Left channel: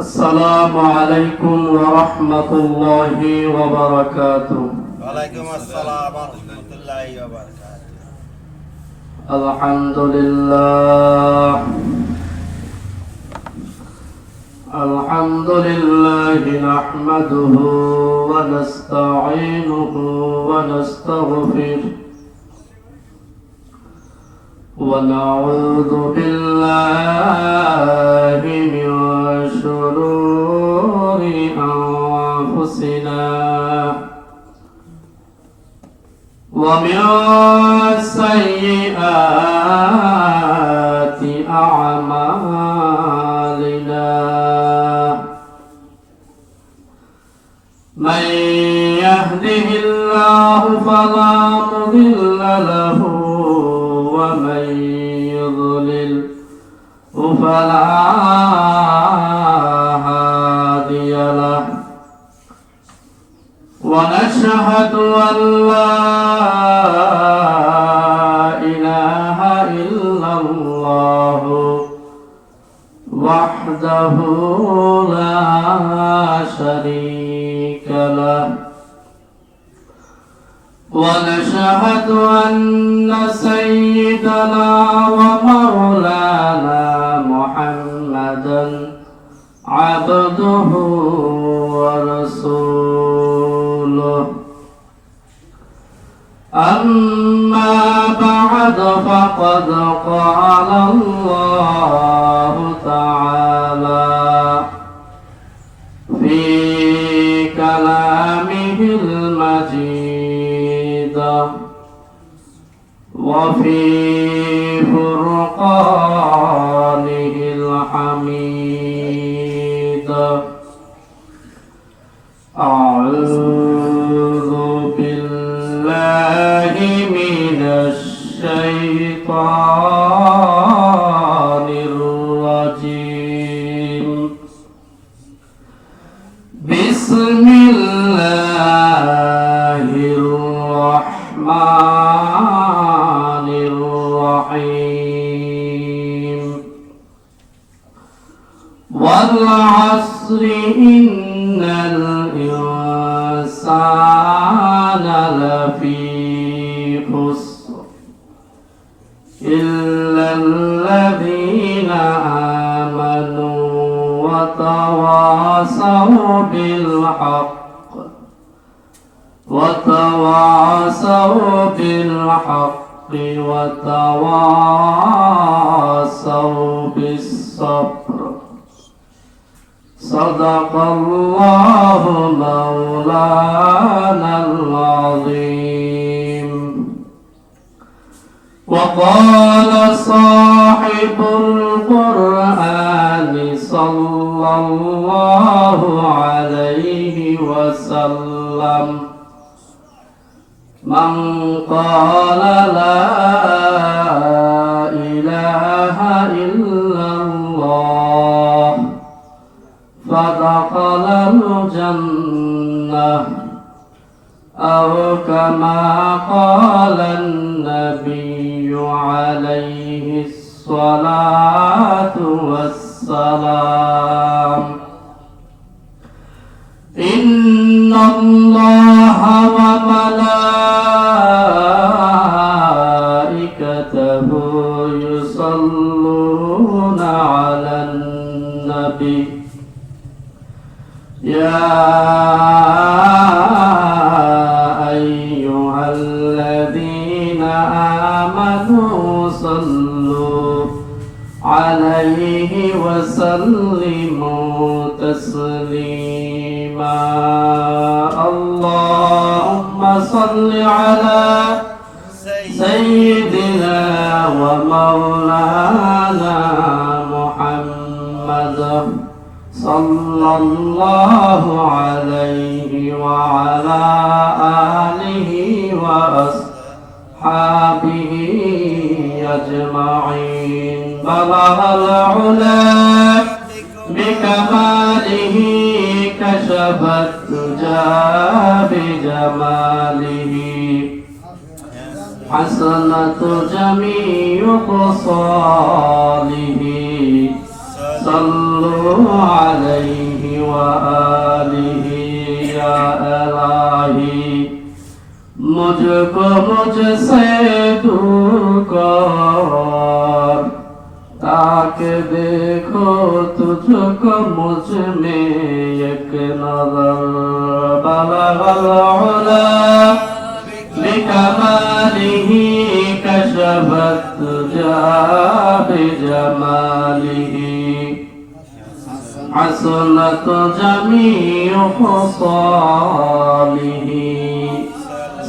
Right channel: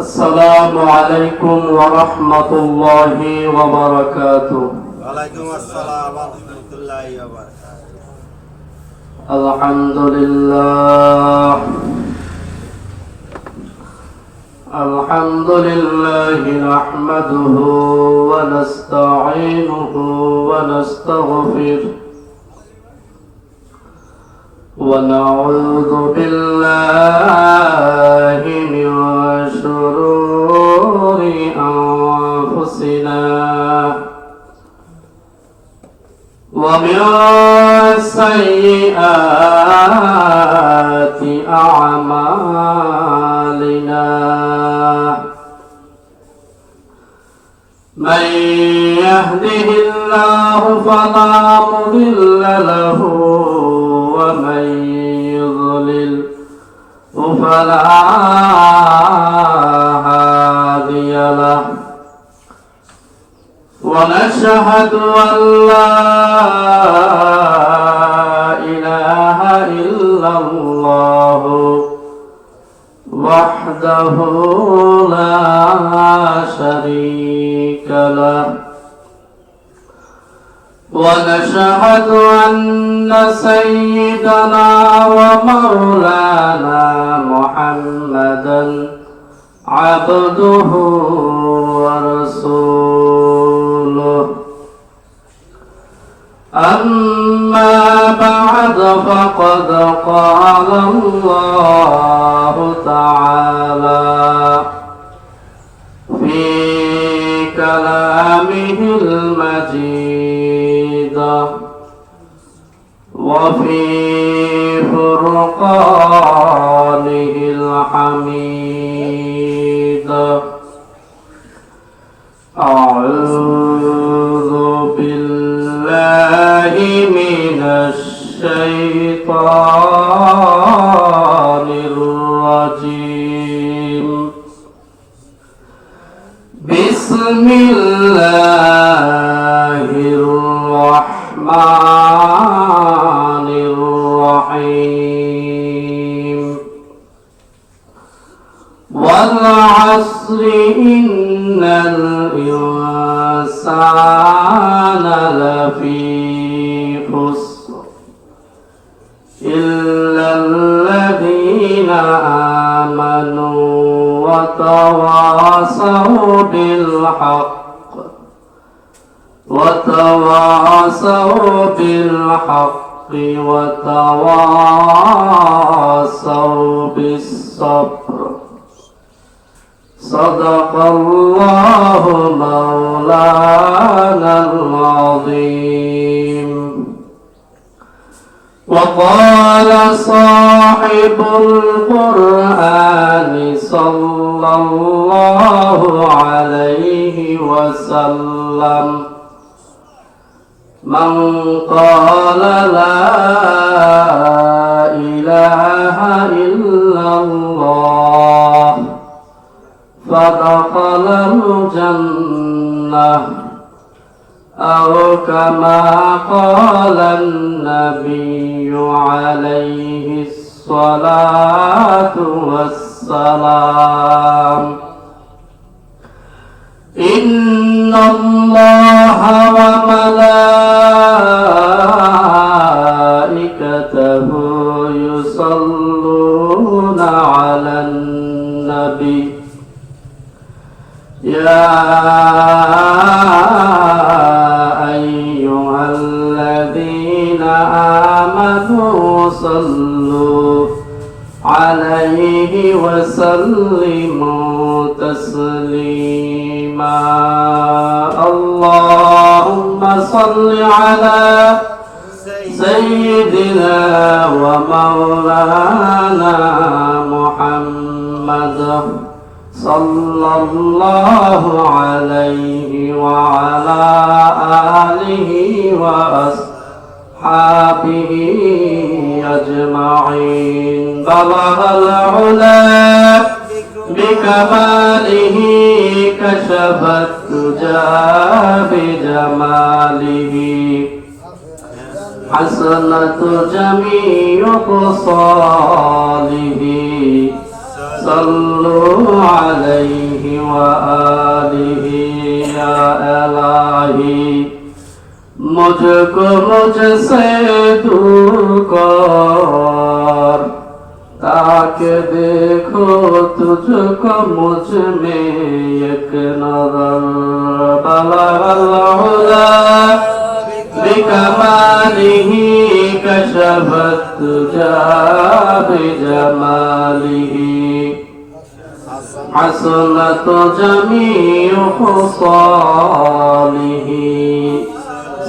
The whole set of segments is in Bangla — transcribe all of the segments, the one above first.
السلام عليكم ورحمة الله وبركاته. وعليكم السلام ورحمة الله وبركاته. الحمد لله نحمده ونستعينه ونستغفره ونعوذ بالله من شرور أنفسنا ومن سيئات أعمالنا من يهده الله فلا مضل له ومن يضلل فلا هادي له ونشهد أن لا إله إلا الله وحده لا شريك له ونشهد أن سيدنا ومولانا محمدا عبده ورسوله أما بعد فقد قال الله تعالى في كلامه المجيد وفي فرقانه الحميد أعوذ بالله من الشيطان الرجيم بسم الله الرحمن الرحيم والعصر إن الإنسان لفي خسر إلا الذين آمنوا وتواصوا بالحق وتواصوا بالصبر صدق الله مولانا العظيم. وقال صاحب القرآن صلى الله عليه وسلم من قال لا إله إلا الله فدخل الجنة أو كما قال النبي عليه الصلاة والسلام. إن الله وملائكته يصلون على النبي يا أيها الذين آمنوا صلوا عليه وسلموا تسليما. اللهم صل على سيدنا ومولانا محمد صلى الله عليه وعلى آله وأصحابه أجمعين. بلغ العلا بكماله كشف الدجى بجماله حسنة جميع خصاله صلوا عليه وآله يا إلهي मुझको मुझसे दूर कर ताकि देखो तुझको मुझ में एक नजर बलगल उला बिकमालिही कशफत तुजा बिजमालिही हसनत जमीउ खुसालिही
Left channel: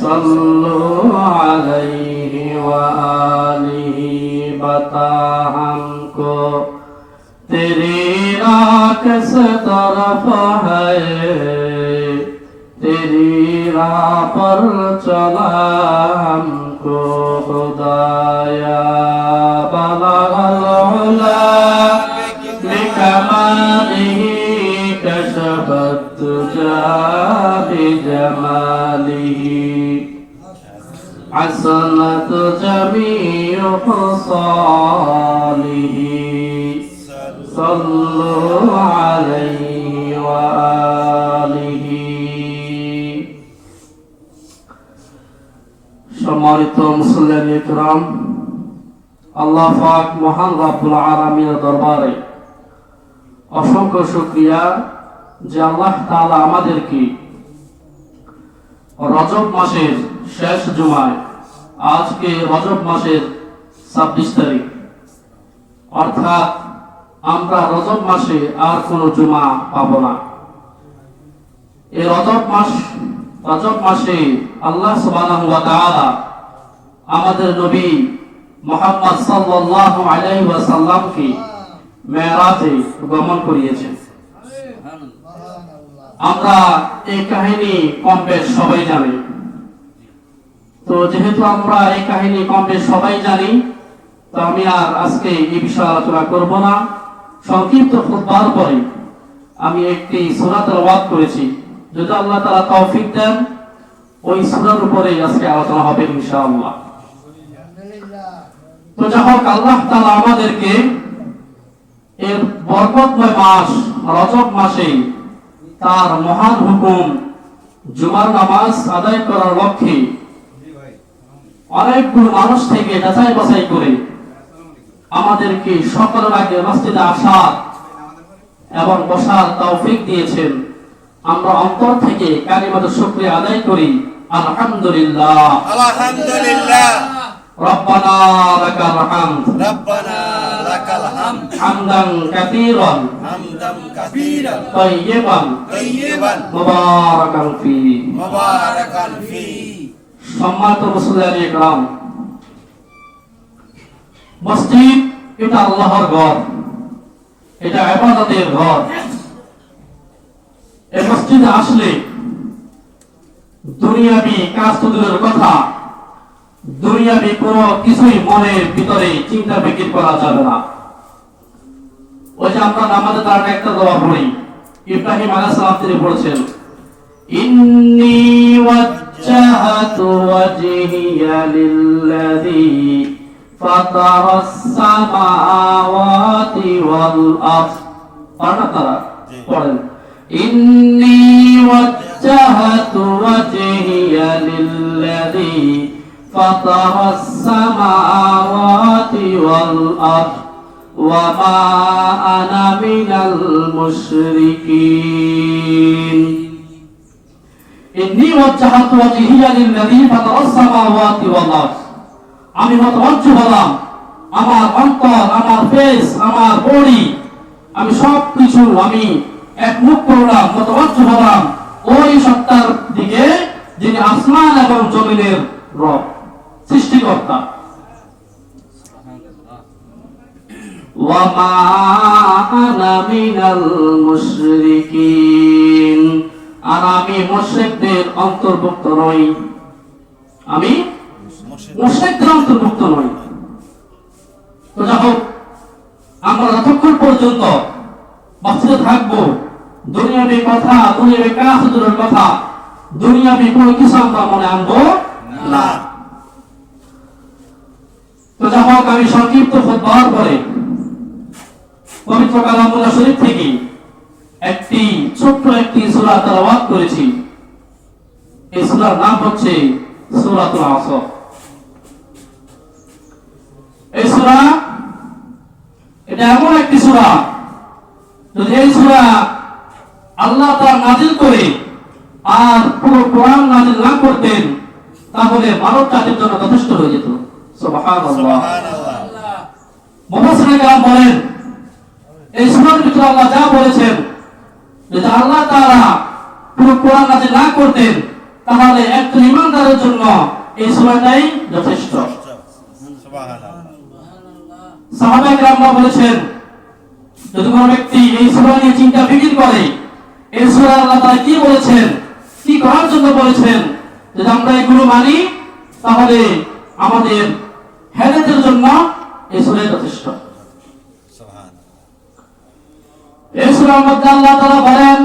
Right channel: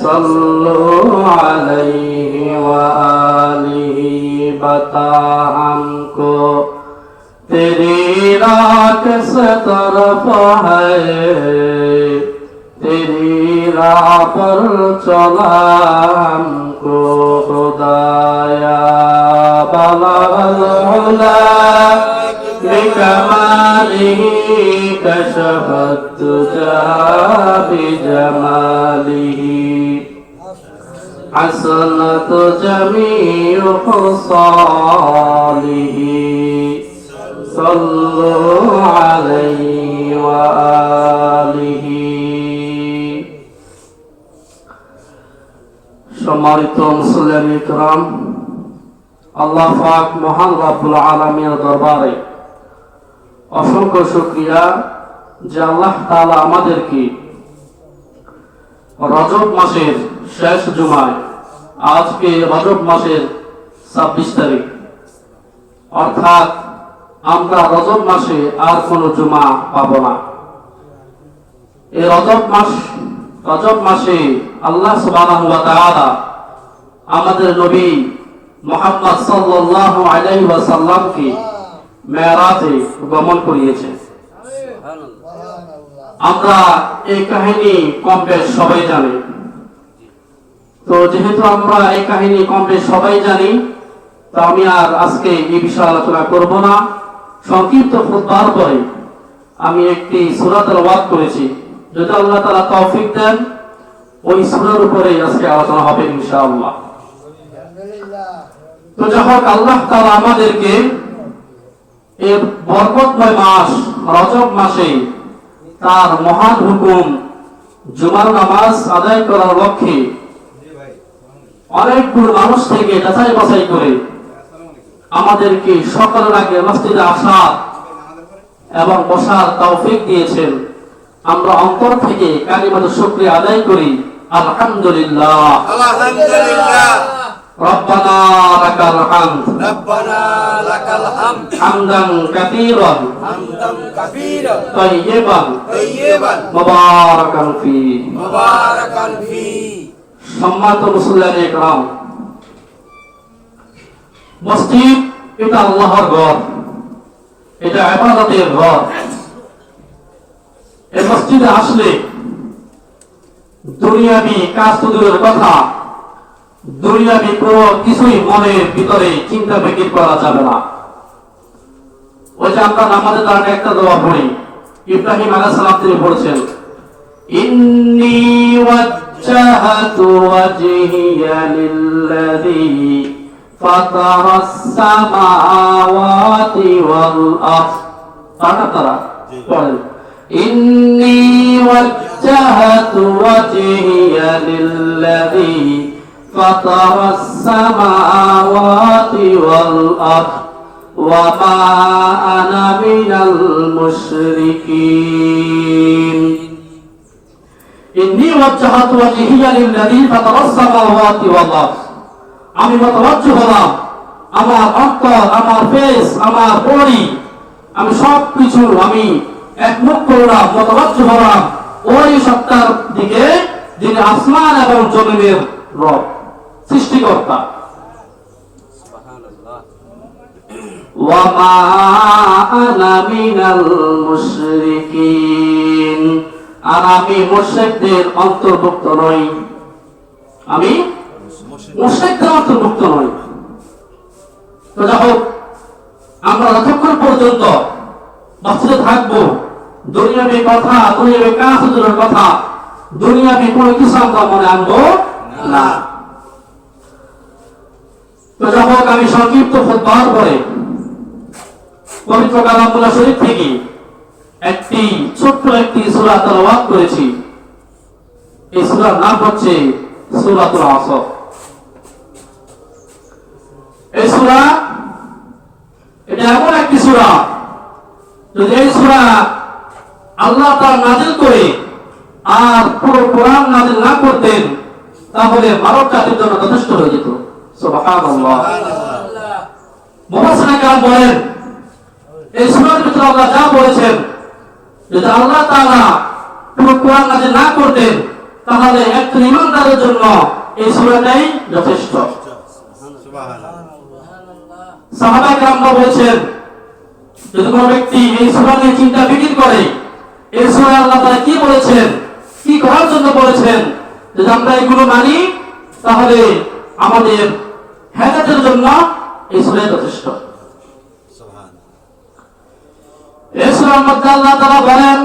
सल्लु अलैहि व आलिहि बता हमको तेरी राह किस तरफ है तेरी राह पर चला हमको खुदाया बलगल उला बिकमालिही कशफत तुजा बिजमालिही حسنت جميع خصاله صلوا عليه وآله সম্মানিত মুসলিম ইকরাম আল্লাহ পাক মহান রব্বুল আলামিনের দরবারে অসংখ্য শুকরিয়া যে আল্লাহ তাআলা আমাদেরকে রজব মাসের শেষ জুমায় আজকে রজব মাসের 26 তারিখ অর্থাৎ আমরা রজব মাসে আর কোনো জুমা পাবো না। এই রজব মাসে আল্লাহ সুবহানাহু ওয়া তাআলা আমাদের নবী মুহাম্মদ সাল্লাল্লাহু আলাইহি ওয়াসাল্লামকে মেরাজে গমন করিয়েছেন। আমরা এই কাহিনী কম বেশ সবাই জানি। তো যেহেতু আমরা এই কাহিনী কম বেশ সবাই জানি, তো আমি আর আজকে এই বিষয়ে আলোচনা করব না। সংক্ষিপ্ত খুতবার পরে আমি একটি সূরা তেলাওয়াত করেছি, যদি আল্লাহ তাআলা তৌফিক দেন ওই সূরার উপরে আজকে আলোচনা হবে ইনশাআল্লাহ। তো যখন আল্লাহ তাআলা আমাদেরকে এর বরকতময় মাস রজব মাসে তার মহান হুকুম জুমার নামাজ আদায় করার লক্ষ্যে অনেকগুলো মানুষ থেকে যাচাই বাছাই করে আমাদেরকে সকালের আগে মসজিদে আসা এবং বসার তৌফিক দিয়েছেন। আমরা অন্তর থেকে কালিমাত শুকরিয়া আদায় করি আলহামদুলিল্লাহ আলহামদুলিল্লাহ রব্বানা লাকাল হামদ হামদান কাসীরান তাইয়্যিবান মুবারাকান ফি। সম্মানিত মুসলিম ইকরাম, মসজিদ এটা আল্লাহর ঘর, এটা ইবাদতের ঘর। এই মসজিদে আসলে দুনিয়াবি কাজ তো দূরের কথা, দুনিয়াবি কোনো কিছুই মনের ভিতরে চিন্তা ফিকির করা যাবে না। ওই যে আমরা নামাজে তার একটা দোয়া পড়ি, ইব্রাহিম আলাইহিস সালাম তিনি বলেছেন ইন্নী ওয়াজ্জাহাতু ওয়াজহিয়া লিল্লাযী ফাতারাস সামাওয়াতি ওয়াল আরদ। আপনারা পড়েন ইন্নী ওয়াজ্জাহাতু ওয়াজহিয়া লিল্লাযী ফাতারাস সামাওয়াতি ওয়াল আরদ ওয়া মা আনা মিনাল মুশরিকিন। ইন্নী ওয়াজ্জাহাতু ওয়াজহিয়া লিল্লাযী ফাতারাস সামাওয়াতি ওয়াল আরদ। আমি মুতাওয়াজ্জিহ হলাম, আমার অন্তর, আমার ফেস, আমার বডি, আমি সবকিছু আমি একমুখ করলাম, মুতাওয়াজ্জিহ হলাম ওই সত্তার দিকে যিনি আসমান এবং জমিনের রব, সৃষ্টিকর্তা। ওয়া মা আনা মিনাল মুশরিকিন, আর আমি মুশরিকদের অন্তর্ভুক্ত নই, আমি মুশরিকদের অন্তর্ভুক্ত নই। তো যখন আমরা যতক্ষণ পর্যন্ত মসজিদে থাকবো, দুনিয়াবি কথা, দুনিয়াবি কাজ দূরের কথা, দুনিয়াবি কোনো কিছু আমরা মনে আনবো না। তো যখন আমি সংক্ষিপ্ত খুতবার পরে পবিত্র কালামুল্লাহ শরীফ থেকে একটি ছোট্ট একটি সূরা তেলাওয়াত করেছি। এই সূরার নাম হচ্ছে সূরাতুল আসর। এই সূরা এটা এমন একটি সূরা, যদি এই সূরা আল্লাহ তাআলা নাযিল করে আর পুরো কোরআন নাযিল না করতেন তাহলে মানব জাতির জন্য যথেষ্ট হয়ে যেত। সুবহানাল্লাহ। মুফাসসিরিন কেরাম বলেন এই সূরার ভিতরে আল্লাহ যা বলেছেন, যদি আল্লাহ তাআলা পুরো কোরআন নাযিল না করতেন তাহলে একজন ঈমানদারের জন্য এই সূরাটাই যথেষ্ট। সাহাবায়ে কেরামরা বলেছেন যদি কোনো ব্যক্তি এই সূরা নিয়ে চিন্তা ফিকির করে, এই সূরা আল্লাহ তাআলা কি বলেছেন, কি করার জন্য বলেছেন, যদি আমরা এগুলো মানি তাহলে আমাদের হেদায়েতের জন্য এই সূরা যথেষ্ট। এই সূরার মধ্যে আল্লাহ তাআলা বলেন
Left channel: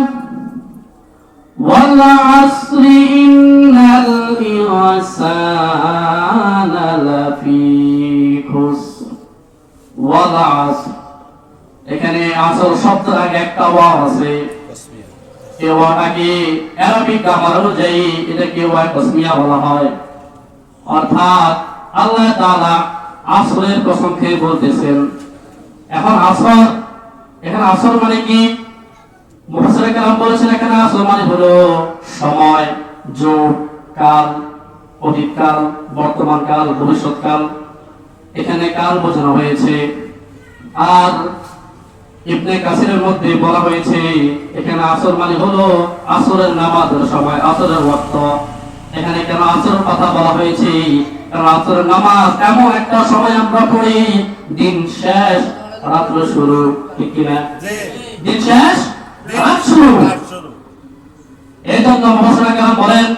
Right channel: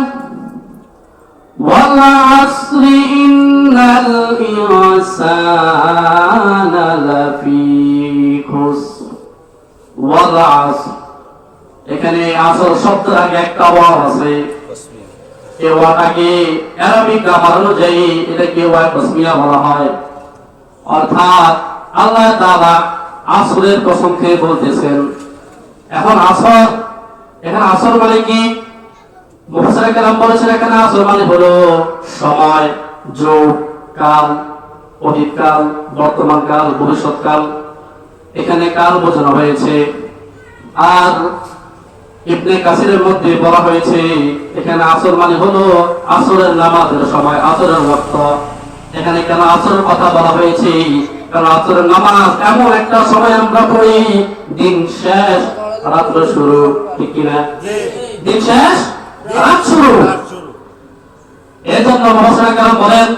ওয়াল আসরি ইন্নাল ইনসানা লাফি খুসর। ওয়াল আসর, এখানে আসর শব্দের আগে একটা ওয়াও আছে। এই ওয়াটাকে আরবি গ্রামার অনুযায়ী এটাকে ওয়া তাসমিয়া বলা হয়। অর্থাৎ আল্লাহ তাআলা আসরের কসম খেয়ে বলতেছেন। এখন আসর, এখানে আসর মানে কি? মুফাসসিরিন কেরাম বলেছেন এখানে আসর মানে হলো সময়, যুগ, কাল, অতীতকাল, বর্তমানকাল, ভবিষ্যৎকাল। এখানে কাল বোঝানো হয়েছে। আর ইবনে কাসিরের মধ্যে বলা হয়েছে এখানে আসর মানে হলো আসরের নামাজের সময়, আসরের ওয়াক্ত। এখানে কেন আসরের কথা বলা হয়েছে? কারণ আসরের নামাজ এমন একটা সময় আমরা পড়ি দিন শেষ রাত্র শুরু, ঠিক কিনা? দিন শেষ রাত শুরু। এই জন্য মুফাসসিরিন কেরাম বলেন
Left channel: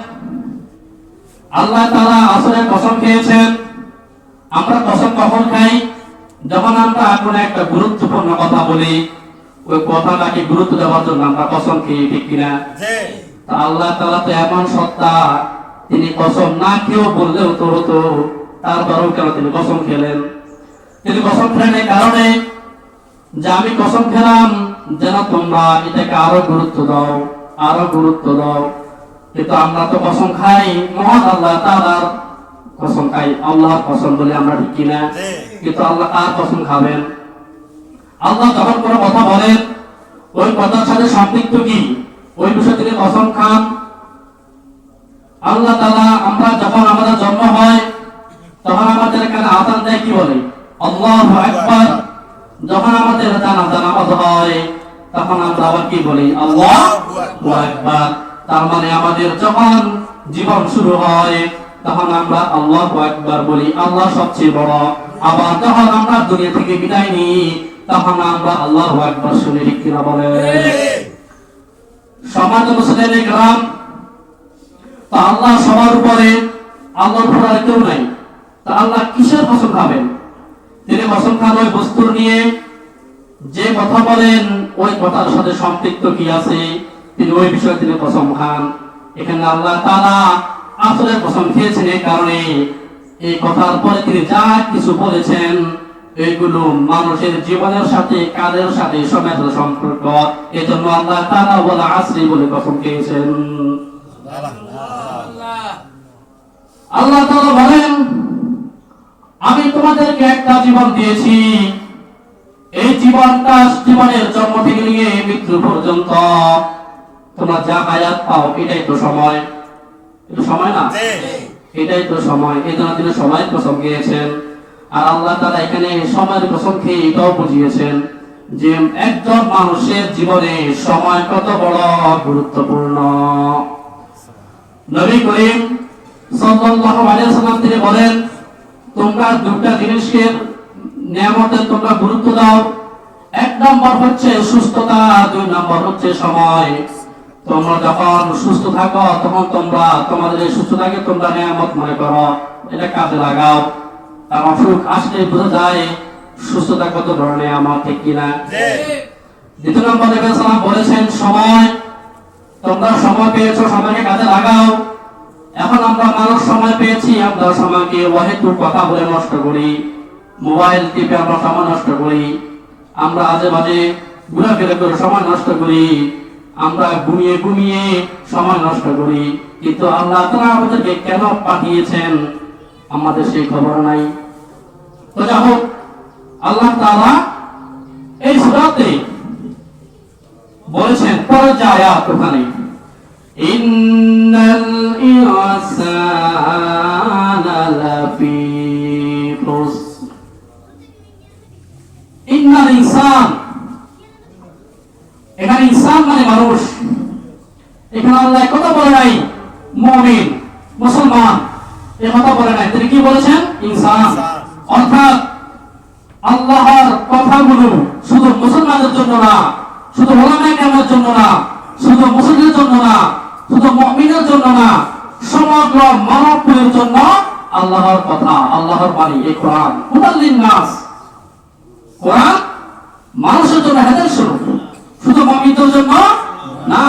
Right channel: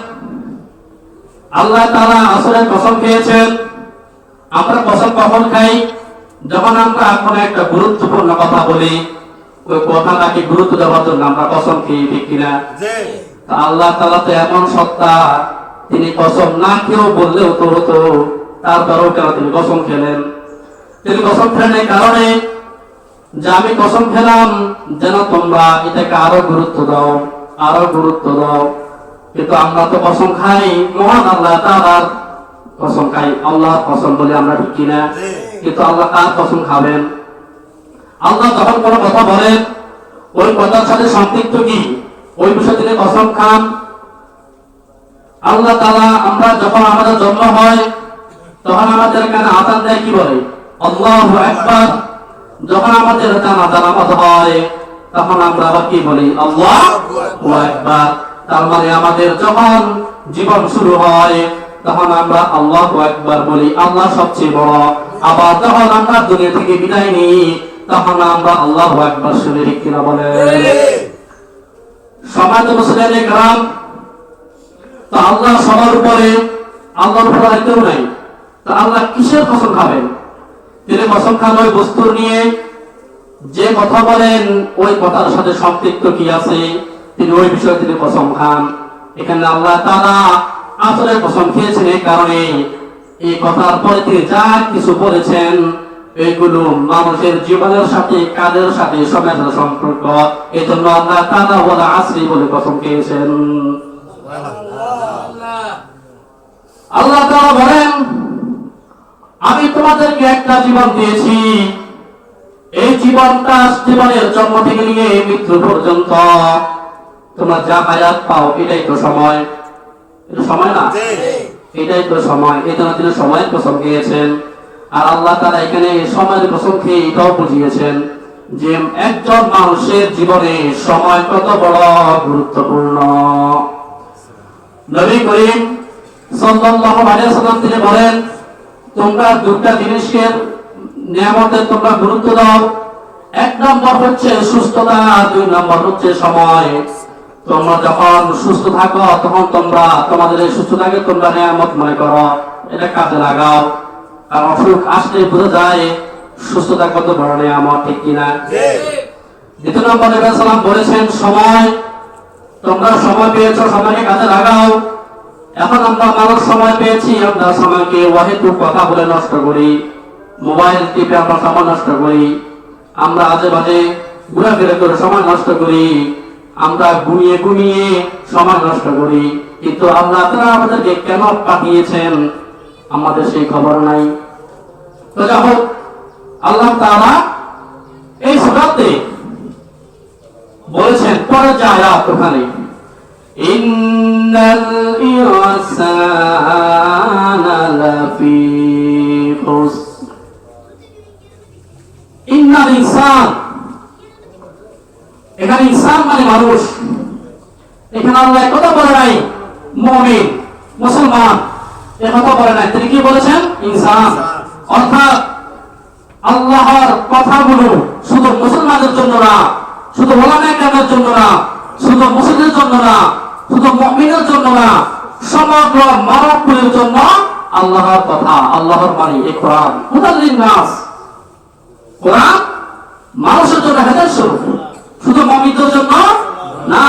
আল্লাহ তাআলা আসরের কসম খেয়েছেন। আমরা কসম কখন খাই? যখন আমরা কোনো একটা গুরুত্বপূর্ণ কথা বলি, ওই কথাটাকে গুরুত্ব দেওয়ার জন্য আমরা কসম খেয়ে, ঠিক কিনা? আল্লাহ তাআলা তো এমন সত্তা, তিনি কসম না খেয়েও বললেও তো হতো, তারপরেও কেন তিনি কসম খেলেন? তিনি কসম খেলেন এই কারণে যে আমি কসম খেলাম যেন তোমরা এটাকে আরো গুরুত্ব দাও, আরো গুরুত্ব দাও। কিন্তু আমরা তো কসম খাই মহান আল্লাহ তাআলার কসম খাই, আল্লাহর কসম বলি আমরা, ঠিক কিনা? কিন্তু আল্লাহ কার কসম খাবেন? আল্লাহ যখন কোনো কথা বলেন ওই কথার সাথে সম্পৃক্ত কি ওই বিষয়ে তিনি কসম খান। আল্লাহ তাআলা আমরা যখন আমাদের জন্ম হয় তখন আমাদের কানে আযান দেয়, কি বলে? আল্লাহু আকবার। যখন আমাদের জানাজা নামাজ হয় তখন আমরা আবার কি বলি? আল্লাহু আকবার। তার মানে আমাদের যখন জীবন শুরু হয় তখন আমরা আল্লাহু আকবার বলি, আল্লাহ সবচেয়ে বড়। আবার যখন আমরা দুনিয়া থেকে বিদায় নিই তখন আমরা আল্লাহু আকবার শুনে, ঠিক কিনা বলে? সম্মানিত মুসলিম کرام, তো আল্লাহ সবার উপরে, আল্লাহর উপরে আর কেউ নাই। তো আল্লাহ কিসের কসম খাবেন? তিনি কসম খান ওই বস্তুর নিয়ে যে কথা বলেন ওই কথার সাথে সম্পৃক্ত কি আছে তিনি ওই বিষয়ে তিনি কসম খান। এখানে আল্লাহ তাআলা আসলে কসম খেয়েছেন এই কারণে এই কথার পরে তিনি যা কিছু বলেছেন এগুলো মানুষের জীবনের সাথে, কাজের সাথে, সময়ের সাথে সম্পর্ক। এই জন্য আল্লাহ তাআলা ওয়াল আসরি বলে কসম খেয়েছেন। আল্লাহ তাআলা বলেন আমি তোমাদেরকে একটা জীবন দিয়েছি, এই জীবনের জন্ম থেকে নিয়ে মৃত্যু পর্যন্ত তোমরা যা হায়াত পাও এটাই তো সময়। এটা সময় না? এটাই তো সময়। এই জন্য তিনি সময়ের কসম খেয়েছেন। আর আল্লাহ তাআলা এখানে সময়ের কসম খেয়ে এটাও বুঝিয়েছেন যে একজন মানুষের জীবনে সময় কত বড় গুরুত্বপূর্ণ। নবী করিম সাল্লাল্লাহু আলাইহি ওয়াসাল্লাম তিনি বলেন তোমরা দুটো জিনিসকে নিয়ামতের তোমরা গুরুত্ব দাও। এক নম্বর হচ্ছে সুস্থতা, দুই নম্বর হচ্ছে সময়। তোমরা যখন সুস্থ থাকো তখন তোমরা তোমাদের এই সুস্থতাকে তোমরা নিয়ামত মনে করো, এটা কাজে লাগাও। আর অসুখ আসলে বোঝা যায় সুস্থতা কত বড় নিয়ামত, ঠিক কিনা? দ্বিতীয় নম্বর নবী সাল্লাল্লাহু আলাইহি ওয়াসাল্লাম বলেছেন সময়, তোমরা সময় পেয়েছো, সময়কে কাজে লাগাও। এখন আমরা মানুষ সময় পেয়েছি, আমরা সময়কে অহেতুক কথা বলে নষ্ট করি, মোবাইল টিপে আমরা সময় নষ্ট করি। আমরা আজে বাজে ঘোরাফেরা করে সময় নষ্ট করি, আমরা ঘুমিয়ে ঘুমিয়ে সময় নষ্ট করি, কিন্তু আল্লাহ তাআলা আমাদেরকে কেন পাঠিয়েছেন আমাদের সেই খবর নাই। তো যাই হোক, আল্লাহ তাআলা এই সূরাতে বলেছেন পরের যে আয়াত ওখানে, ইন্নাল ইনসানা লাফি খুসর, ইন্নাল ইনসান, এখানে ইনসান মানে মানুষ। এখানে আল্লাহ কথা বলে নাই মুমিন মুসলমান, এ কথা বলে নাই, তিনি কি বলেছেন? ইনসান। অর্থাৎ আল্লাহর কথাগুলো শুধু মুসলমানদের জন্য না, শুধু ওলামায়ে কেরামের জন্য না, শুধু মুসলিমদের জন্য না, শুধু মুমিনের জন্য না, সমগ্র মানবকুলের জন্য আল্লাহর কথা, আল্লাহর বাণী এই কোরআন। হুদাল লিন-নাস, কোরআন মানুষের জন্য হেদায়েত স্বরূপ, শুধু মুমিনদের জন্য না।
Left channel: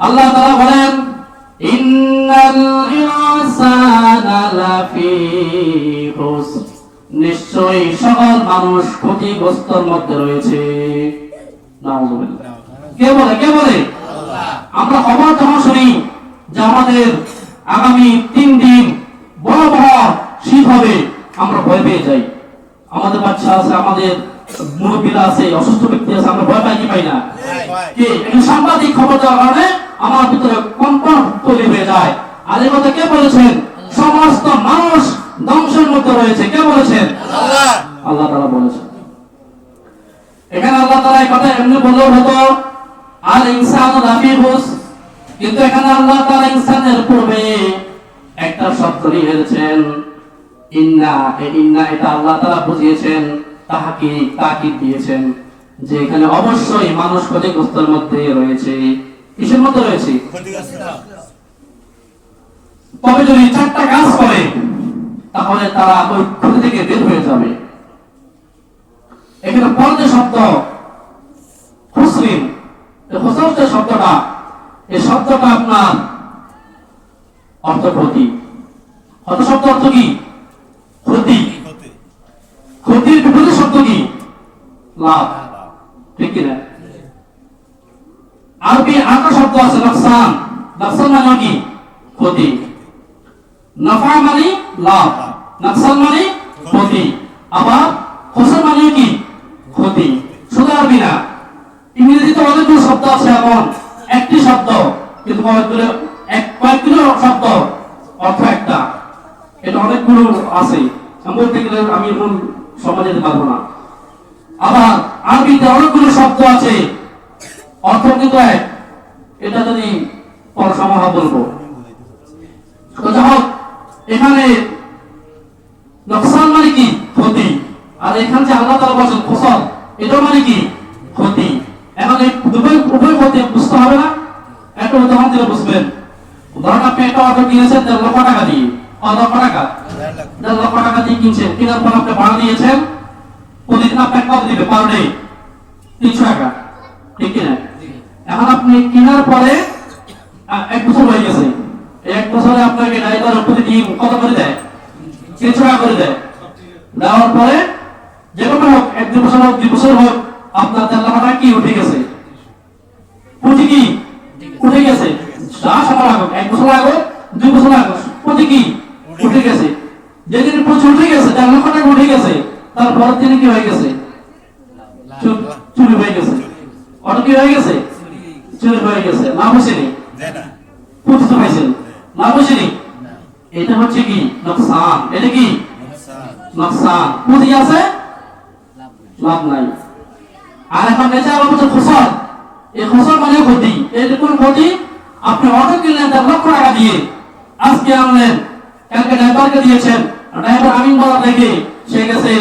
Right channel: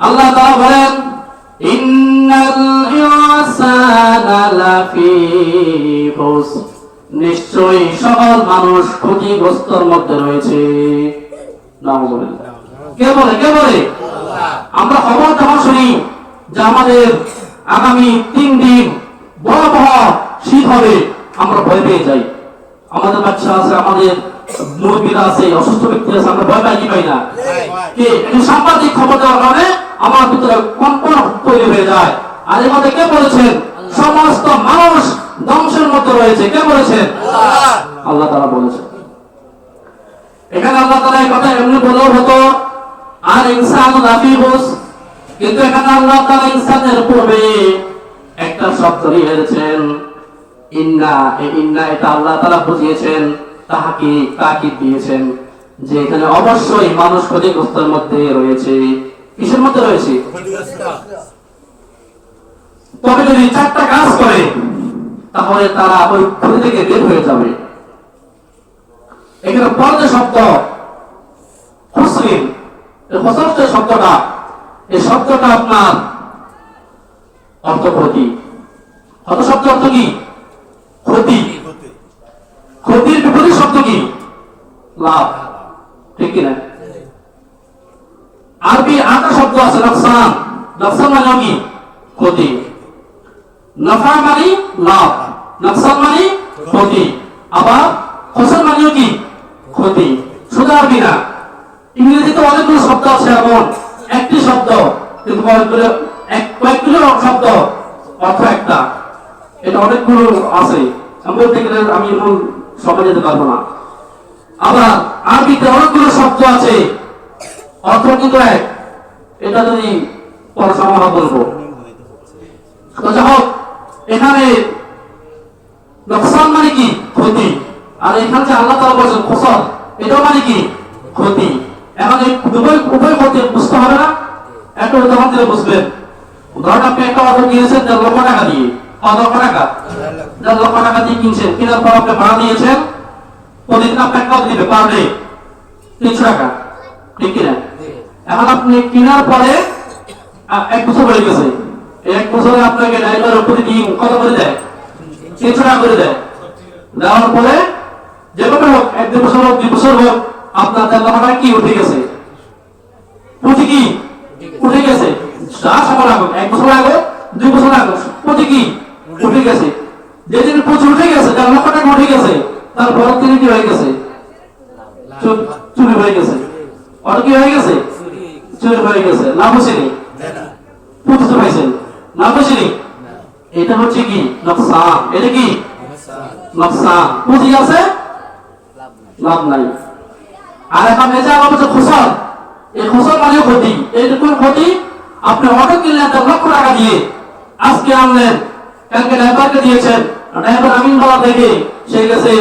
আল্লাহ তাআলা বলেন ইন্নাল ইনসানা লাফি খুসর, নিশ্চয়ই সকল মানুষ ক্ষতিগ্রস্তর মধ্যে রয়েছে। নাউযুবিল্লাহ। কে বলে? কে বলে? আমরা খবর যখন শুনি যে আমাদের আগামী 3 দিন ভয়াবহ শীত হবে, আমরা ভয় পেয়ে যাই। আমাদের বাচ্চা আছে, আমাদের মুরব্বীরা আছে, অসুস্থ ব্যক্তি আছে, আমরা ভয় পাই কি পাই না? কি সাংবাদিক খবর দেওয়ার কারণে আমার ভিতরে কম্পন তৈরি হয়ে যায়। আর এর মধ্যে কে বলেছেন সমস্ত মানুষ ধ্বংসের মধ্যে রয়েছে? কে বলেছেন? আল্লাহ তাআলা বলেছেন। এখানে আল্লাহ তাআলা এই কথা এমনি বললেও হতো, আর ইনসানু লাফি খুসর, কিন্তু এখানে আল্লাহ তাআলা ইনসানের পূর্বে একটা শব্দ দিয়েছেন ইন্না। এই ইন্না এটা আল্লাহ তাআলা বুঝিয়েছেন, তাকিদ দিয়েছেন যে এখানে অবশ্যই মানুষ ক্ষতিগ্রস্তের মধ্যে রয়েছে। কিসের মধ্যে রয়েছে? তবে যদি 4টা কাজ করে তাহলে তারা ওই ক্ষতি থেকে বের হয়ে যাবে। এখানে পর্দা শব্দ খুসরিন, খুসর যে শব্দটা, এই শব্দটা আপনার অর্থ ক্ষতি। অর্থ শব্দ অর্থ কি? ক্ষতি। ক্ষতির বিপরীত শব্দ কি? লাভ। ঠিক কিনা? আরবি আরেকটা শব্দ আছে নকসান। নকসান মানে কি? ক্ষতি। নফা মানে লাভ, নকসান মানে ক্ষতি। আবার খুসর মানে কি? ক্ষতি। শুধু আরবি না, ইংরেজিতে অনেকগুলো শব্দ আছে এমন, একটি শব্দ কিন্তু কয়েকগুলো শব্দ অর্থ একটা। এটা অনেকগুলো আছে, বলতে গেলে আমি মূল সময় যেতে পারবো না। আবার আরবিতে অনেকগুলো শব্দ আছে অর্থ কিন্তু এক। এটা যদি পরে সময় বলবো। যাই হোক, এখানে নকসান মানে কি? ক্ষতি। আর এখানে যে আল্লাহ তাআলা বলেছেন খুসর, এটাও মানে কি? ক্ষতি। এখন এই উভয় ক্ষতি বুঝতে হবে না? একটা উদাহরণ দিলে বুঝবেন। ধরেন আপনি একটা অটো কিনেছেন 1.5 লক্ষ টাকা দিয়ে। 1 লক্ষ টাকা, 1.5 লক্ষ টাকা দিয়ে কিনছেন, কেনার পর আপনি ভাড়া দিয়েছেন, প্রতিদিন আপনাকে কত দিবে? পার ডে 300 টাকা। ঠিক কিনা? এখন আপনি কেনার পরে 1 বছর হয়ে গেছে, এই 1 বছরে আপনাকে ড্রাইভার প্রতিদিন কত করে দেয়? 300 টাকা করে দেয়। দেওয়ার পরে যেভাবে হোক 1-2 বছর হোক 2 বছর হোক, আপনার 1.5 লক্ষ টাকা কি উঠে গেছে? পুঁজি কি উঠে গেছে? যা সময় লাগুক, 1 বছর লাগুক 2 বছর লাগুক, পুঁজি কি উঠে গেছে। যেদিন পুঁজি উঠে গেছে, 1.5 লক্ষ টাকা উঠে গেছে, তারপর তিনি কি হয়ে গেছে? চুরি হয়ে গেছে। অটো কি হয়ে গেছে? চুরি হয়ে গেছে। লাভ হয়েছে? পুঁজি তো পাইছেন, লাভ হয়েছে? এটা হচ্ছে কি? নকসান। এটা কি? নকসান। পুঁজি আছে, লাভ নাই। আর এখন এসে আবার বলছে খুসর। এই খুসর মানে ক্ষতি। এটা কোন ক্ষতি? আপনি অটো কিনলেন 1.5 লক্ষ টাকা দিয়ে, আজকে আনলেন, কালকে ড্রাইভারকে দিয়েছেন, ড্রাইভার আমিন বলা দেখে সে গেছে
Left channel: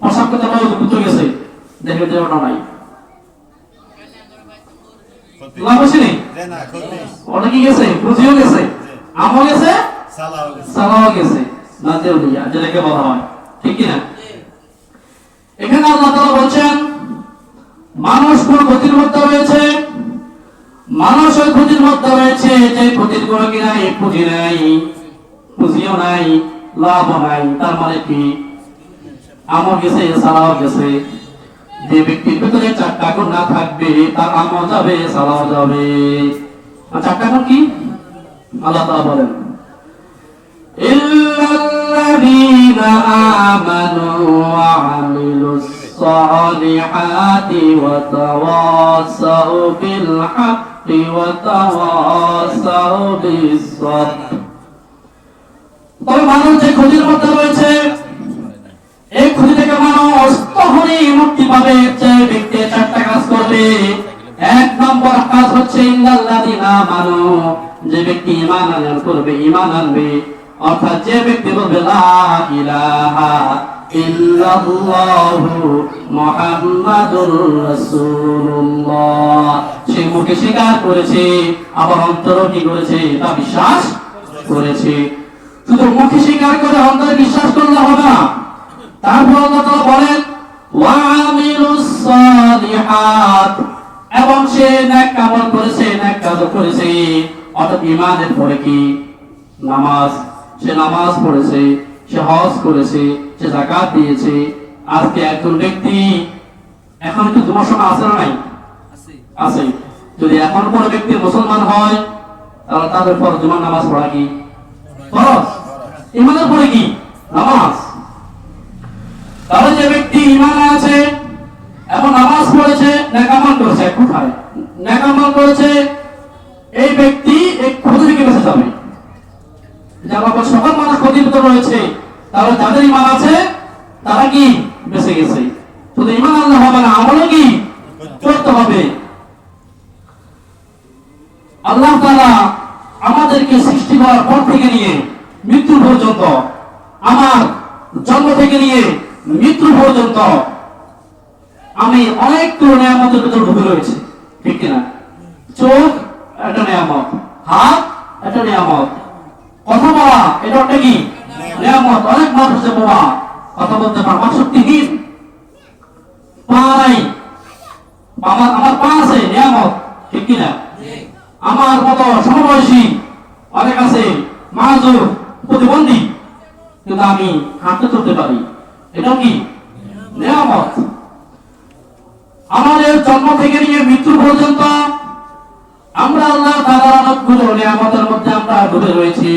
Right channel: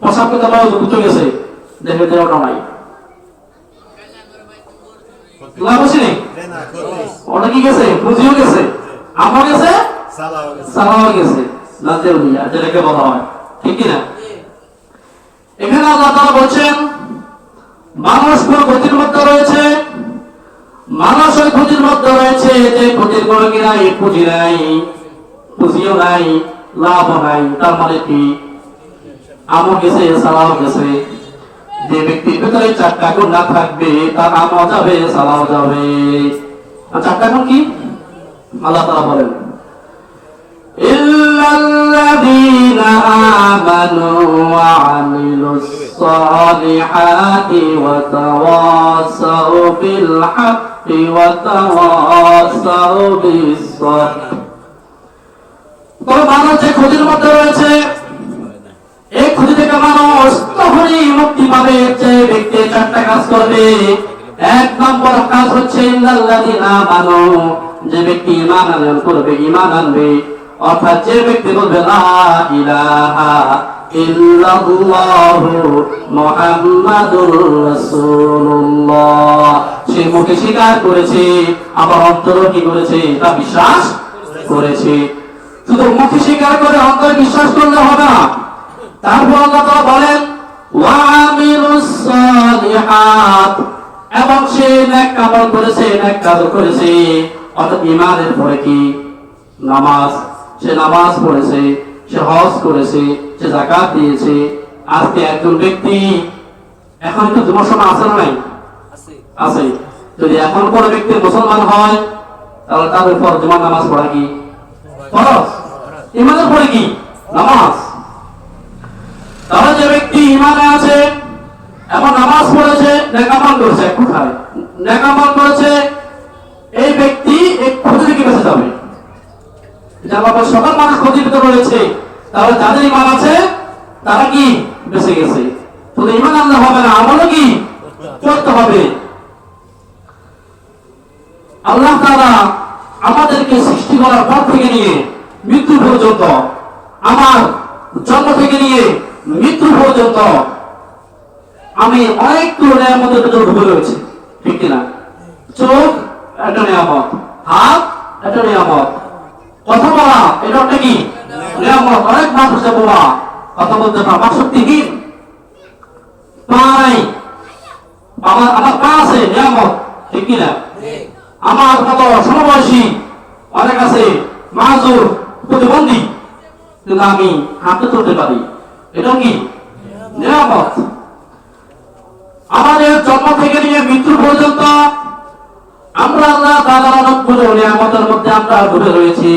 প্রসাব করতে পারো, বুঝতে গেছে, দেখে যে ওটা নাই। লাভ হচ্ছে নি? ওটা কি গেছে? পুঁজিও গেছে, আমও গেছে, সালাও গেছে, নাজেল দিয়া যেটাকে বলা হয়। ঠিক কিনা? এখানে আল্লাহ তাআলা বলছেন মানুষ কোন ক্ষতির মধ্যে রয়েছে? মানুষ ওই ক্ষতির মধ্যে রয়েছে যে ক্ষতির কোনো কি নাই, পুঁজি নাই, পুঁজিও নাই, লাভও নাই। তার মানে কি? আমও গেছে সালাও গেছে। যে ব্যক্তির ভিতরে চারটা গুণ না থাকবে তার আমও যাবে সালাও যাবে। আর চারটা গুণ কি? আল্লাহ তাআলা বলেন ইল্লাল্লাযীনা আমানু ওয়া আমিলুস সালিহাতি ওয়া তাওয়াসাউ বিল হাক্কি ওয়া তাওয়াসাউ বিস সাবর। তবে মানুষ যে ক্ষতির মধ্যে রয়েছে, এই ক্ষতি থেকে মানুষ তখনই মুক্তি পাবে যে ব্যক্তি চারটা কাজ করবে। এক নম্বর কাজ হচ্ছে ইল্লাল্লাযীনা আমানু, যে ব্যক্তি ঈমান আনয়ন করবে, ঈমান আনবে, অর্থাৎ যে ব্যক্তি বলবে লা ইলাহা ইল্লাল্লাহু মুহাম্মাদুর রাসূলুল্লাহ, সে মুখে স্বীকার করেছে আবার অন্তরে কি করেছে? তা বিশ্বাস করেছে। শুধু মুখে স্বীকার করে অন্তরে বিশ্বাস করলে হবে না, তারপর আল্লাহ তাআলা বলেন ওয়া আমিলুস সালিহাত, এবং সে নেক আমল করেছে, নেক কাজ করেছে। অর্থাৎ ঈমানের পরে কি? নামাজ, সে নামাজ পড়েছে, সে হজ করেছে, সে যাকাত দিয়েছে। আজকে একজন ব্যক্তি, এখন তো জুমার সময় আছে না নাই? আছে। যদি এখন কোন ব্যক্তি মুসলমান হয় তাহলে তার উপর জুমার নামাজ পড়া কি ফরজ? ঈমানের পরে কি? নামাজ। তাহলে যে ব্যক্তি ঈমানে আছে, এখন নামাজ পড়েছে, নেক আমল করেছে, কোথায় নেক আমল করেছে, এই ব্যক্তি এই ক্ষতি থেকে বেঁচে যাবে। যারা সকল মানুষ ক্ষতির ভিতরে রয়েছে, তাহলে যাদের ঈমান আছে তারা কি বেঁচে গেছে। শুধু ঈমান আনলে হবে না, আমলও কি করতে হবে। আল্লাহ তাআলা আমাদেরকে সৃষ্টি করার পর থেকে নিয়ে মৃত্যু পর্যন্ত, আমার জন্ম থেকে নিয়ে মৃত্যু পর্যন্ত আমি অনেকগুলো নিয়ামতের ভিতরে ঢুকে রয়েছে, ঠিক কিনা? চোখ একটা নিয়ামত, হাত একটা নিয়ামত, কথা বলা এটা একটা কি নিয়ামত। অনেক মানুষ বলা কথা বলতে পারে, আমার শক্তিহীন, পা নাই, আমার পা আছে নিয়ামত, ঠিক কিনা? আমার মতো সমবয়সী অনেক আছে মাযুর, প্রতিবন্ধী, কিন্তু আমি হাঁটতে চলতে পারি, এটাও কি নিয়ামত। আমাদের জন্ম থেকে নিয়ে মৃত্যু পর্যন্ত আমরা আল্লাহ তাআলার অনেকগুলো নিয়ামতের মধ্যে আমরা ডুবে রয়েছি।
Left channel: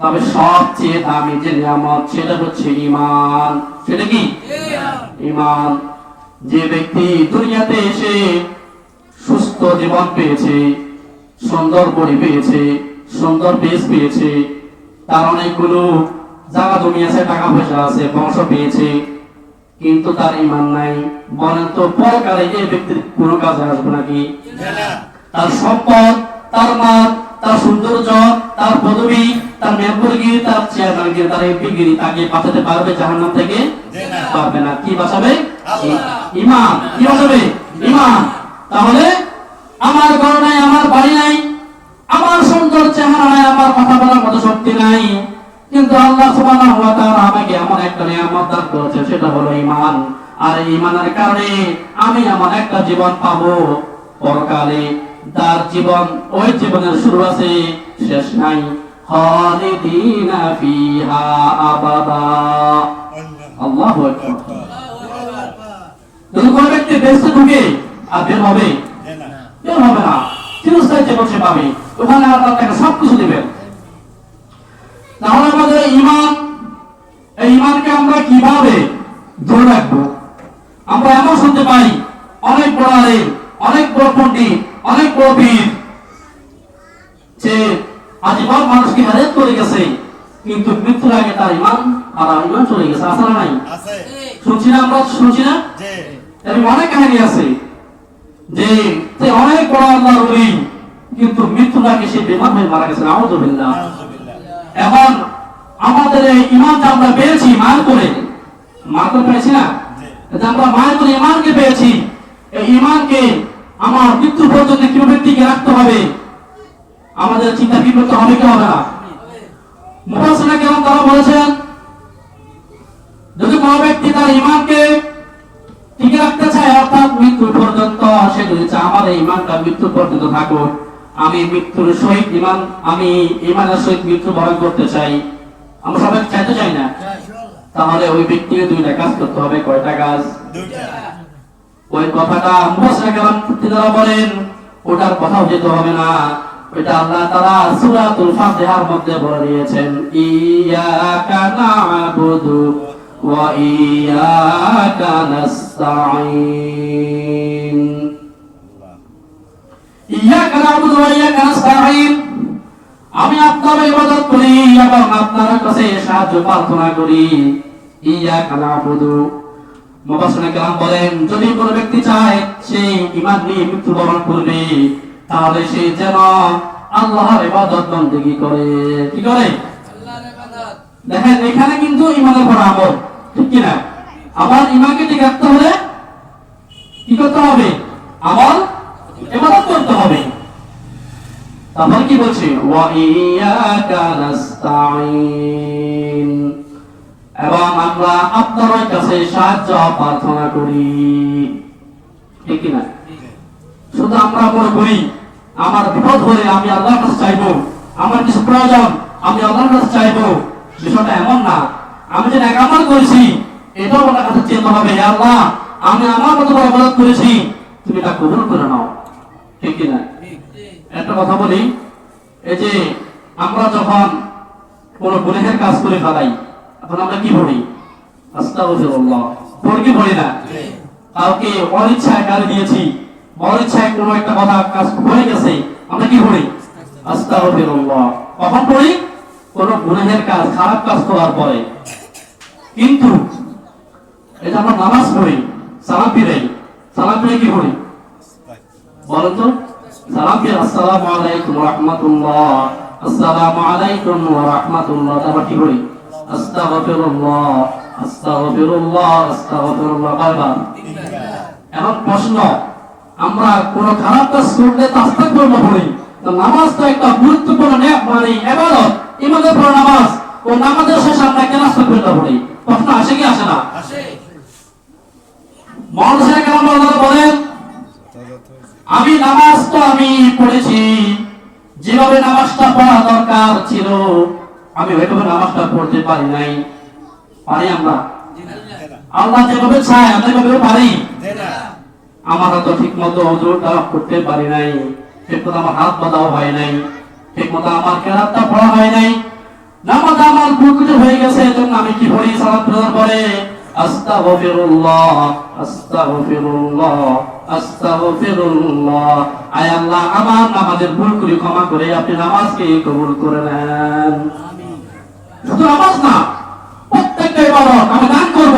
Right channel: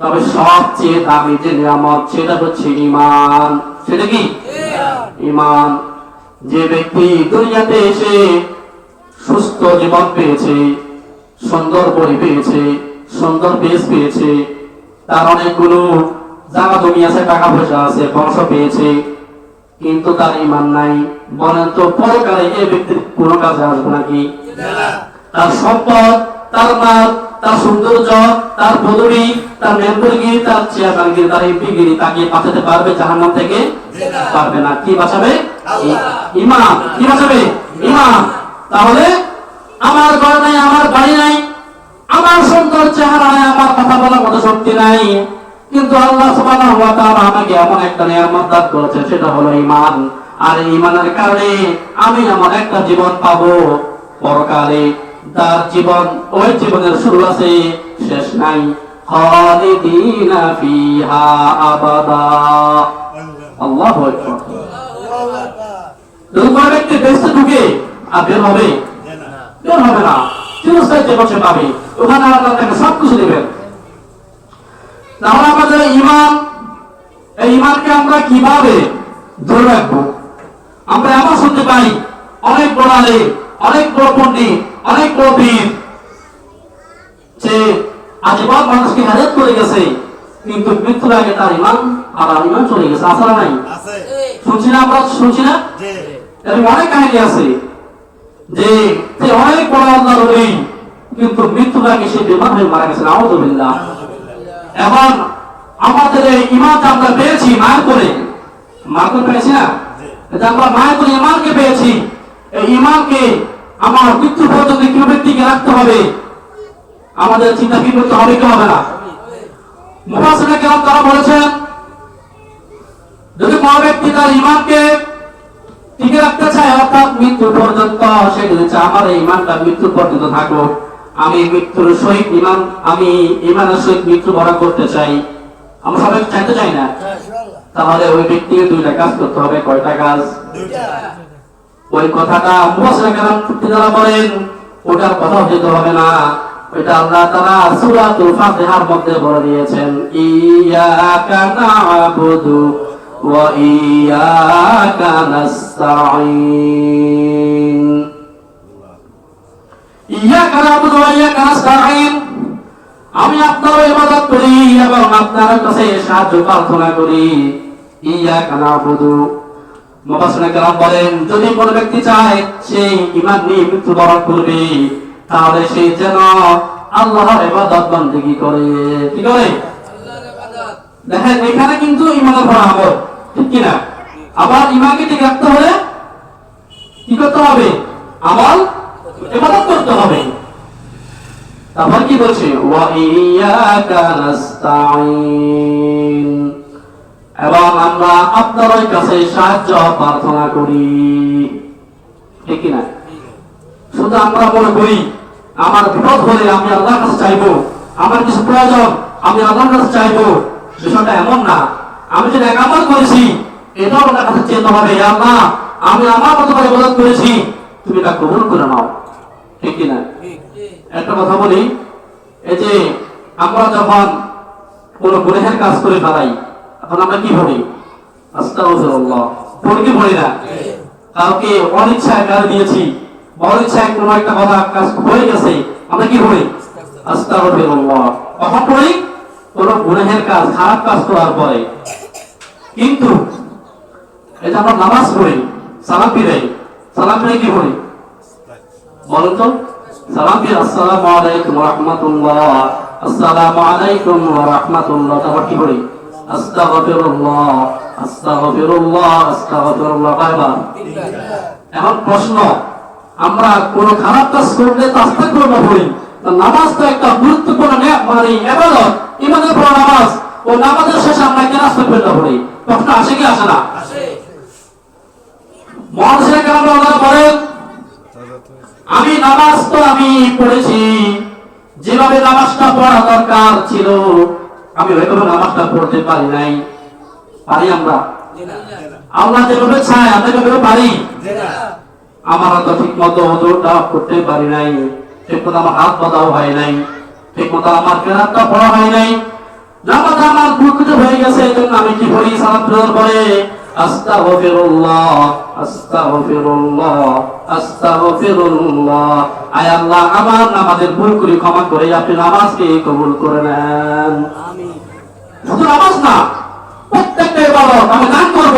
তবে সবচেয়ে দামি যে নিয়ামত সেটা হচ্ছে ঈমান। সেটা কি? ঈমান। যে ব্যক্তি দুনিয়াতে এসে সুস্থ জীবন পেয়েছে, সুন্দর বডি পেয়েছে, সুন্দর পেস পেয়েছে, তার অনেকগুলো জায়গা জমি আছে, টাকা পয়সা আছে, বংশ পেয়েছে, কিন্তু তার ঈমান নাই, বলেন তো পরকালে এই ব্যক্তির কোনো কাজে আসবে নাকি? তার সম্পদ, তার মাল, তার সৌন্দর্য, তার পদবি, তার মেম্বরগিরি, তার চেয়ারম্যানগিরি, তার এমপিগিরি তাকে বাঁচাতে পারবে জাহান্নাম থেকে? পারবে না। কি বাঁচাবে? ঈমান। কি বাঁচাবে? ঈমান। তাহলে আমার ঘর নাই, আমার বাড়ি নাই, আমার সুন্দর চেহারা নাই, আমার কথা বলার মতো শক্তি নাই, কিন্তু আল্লাহ সুবহানাহু ওয়া তাআলা আমাকে এমন একটা নিয়ামত দান করেছে, সেটা হলো ঈমান। আর এই ঈমানের কারণে আমি এমন একটা জীবন পাবো পরকালে, তার জীবন, ওই জীবনের শুরু আছে, শেষ নাই। খালিদিনা ফিহা আবাদা। আল্লাহু আকবার। যদি কোনো ব্যক্তি বেঁচে ঢুকে আর বের হবে? বের হবে না। চিরস্থায়ী জীবন সে পাবে, ওখানে আল্লাহ তাকে সবকিছু দেবেন। তাহলে আমাদের ঈমান, এই ঈমানকে আমরা কিভাবে ধরে রাখবো? আমরা এমন শুনতে পাই অনেক বড় আলেম, অনেক বড় পণ্ডিত, অনেক বড় বীর, যে আজীবন মানুষকে হেদায়েত করে গেছে, কিন্তু মৃত্যুর আগে তার ঈমান আর ঈমান চলে গেছে। আছে না নাই? শুনছি না আমরা? শুনছি না? এরকম অনেক কাহিনী আছে যে অনেক বড় আল্লাহর ওলি, কিন্তু মৃত্যুর আগে সে বেঈমান হয়ে মারা গেছে। আউযু বিল্লাহ। এখন আমাদের এই ঈমানটা আমরা পেয়েছি মায়ের করে, মায়ের করে পেয়েছি না? আমরা মায়ের করে ঈমানকে পেয়েছি। এই ঈমানকে আমার মৃত্যু পর্যন্ত কিভাবে টিকে রাখতে হবে, আমাদের চিন্তা কি করতে হবে, কি হবে না? মুফাসসিরিনে কেরাম তারা বলেছেন, যদি কোনো ব্যক্তি তার ঈমানকে টিকে রাখতে চায়, অর্থাৎ মৃত্যু পর্যন্ত, সে যদি চায় আমার এই ঈমানটা মৃত্যু পর্যন্ত থাকুক, আমি মৃত্যুর সহিত আমি ঈমানের সহিত মৃত্যু বরণ করতে চাই। আমরা সবাই চাইতে চাই না? তাহলে ওই ব্যক্তিকে দুইটা কাজ করতে হবে। কয়টা কাজ? দুইটা। ওই কথাটা মুফাসসির কেরাম যারা বলেন ওটার কথাও যেতে হবে না, ওইটা আল্লাহ তাআলা সূরাতুল ফাতিহার মধ্যে বলে দিয়েছেন, ইয়্যাকা না'বুদু ওয়া ইয়্যাকা নাস্তাঈন। ইয়্যাকা না'বুদু ওয়া ইয়্যাকা নাস্তাঈন, আমি আপনার ইবাদত করি এবং আপনার কাছে সাহায্য প্রার্থনা করি। ইয়্যাকা না'বুদু, মুফাসসির কেরাম বলেন যদি কোনো ব্যক্তি চায় সে ঈমান নিয়ে মৃত্যুবরণ করবে তাহলে সে যেন আল্লাহর ইবাদত বন্দেগী করে। কি করে? আল্লাহর ইবাদত। দেখেন এখানে কিন্তু ঈমানের পর আমল, ঠিক কি না? আবার ঈমানকে ঠিক রাখতে হলে কি করতে হবে? আমল, ইবাদত করতে হবে। তারপর কি বলছে? ওয়া ইয়্যাকা নাস্তাঈন, এবং আমরা আপনার কাছে সাহায্য প্রার্থনা করি। ঠিক কি না? শুধু আমরা মনে করি আমার বিপদ হলে আমি আল্লাহর কাছে চাইবো, আমার কিছু প্রয়োজন আমি আল্লাহর কাছে চাইবো, বিষয়টা এমন না। আমি যে নেক আমল করেছি এটাও আপনার কাছে চেতে হবে, হে আল্লাহ আমি আমার মতো করে ইবাদত করেছি, তুমি এটা কবুল করে নাও। ঠিক কি না? একটা কথা বলি, এই যে আমরা যখন কোনো গুনাহের কাজ করে ফেলাই তখন আমরা কি বলি? আস্তাগফিরুল্লাহ। পড়ি কি পড়ি না? কাউকে অনিচ্ছায় গালি দিয়েছি, অনিচ্ছায় কোনো একটা কথা কাজ হয়ে গেছে, আমরা কি বলি? আস্তাগফিরুল্লাহ। কখন পড়ি? কোনো গুনাহের কাজ, খারাপ কাজ করার পরে। কিন্তু এই যে আমরা নামাজ পড়ি, সালাম ফিরাই, সালাম ফিরে কি পড়ি বলেন তো? সালাম ফিরে আসসালামু আলাইকুম ওয়া রাহমাতুল্লাহ, আসসালামু আলাইকুম ওয়া রাহমাতুল্লাহ। তারপর কি পড়ি? আস্তাগফিরুল্লাহ, আস্তাগফিরুল্লাহ, আস্তাগফিরুল্লাহ। বারবার। এখন প্রশ্ন, আমরা কোন খারাপ কাজ করলে তো আস্তাগফিরুল্লাহ পড়ি, তো নামাজ তো একটা গুরুত্বপূর্ণ ইবাদত, ঈমানের পর নামাজ, ও নামাজের শেষে আমরা কেন আস্তাগফিরুল্লাহ পড়ি? প্রশ্ন আসে কি আসে না? মুফাসসির কেরাম বলেন আমি নামাজ তো আমি পড়েছি, যেভাবে নামাজটা পড়া দরকার ছিল আমি ওইভাবে নামাজটা পড়তে পারি নাই। পারি আমরা? আল্লাহ যেভাবে চায় আমরা যেভাবে পারি? আমরা তো ঠিক মতো ওযুটা করতে পারি নাই, ঠিক মতো আমার হাত বাঁধাও হয় নাই, ঠিক মতো আমার কেরাতটা পড়া হয় নাই, নামাজ আমার ভুল হয়ে গেছে। এজন্য আমি কি পড়ি? সালাত ফেরার পরে আস্তাগফিরুল্লাহ, আস্তাগফিরুল্লাহ, আস্তাগফিরুল্লাহ। আয় আল্লাহ আমার নামাজের ভুলগুলি ক্ষমা করে আপনি নামাজকে কবুল করে নেন। আমিন। শুধু নামাজ না, প্রত্যেকটা ইবাদত আমি দান করব,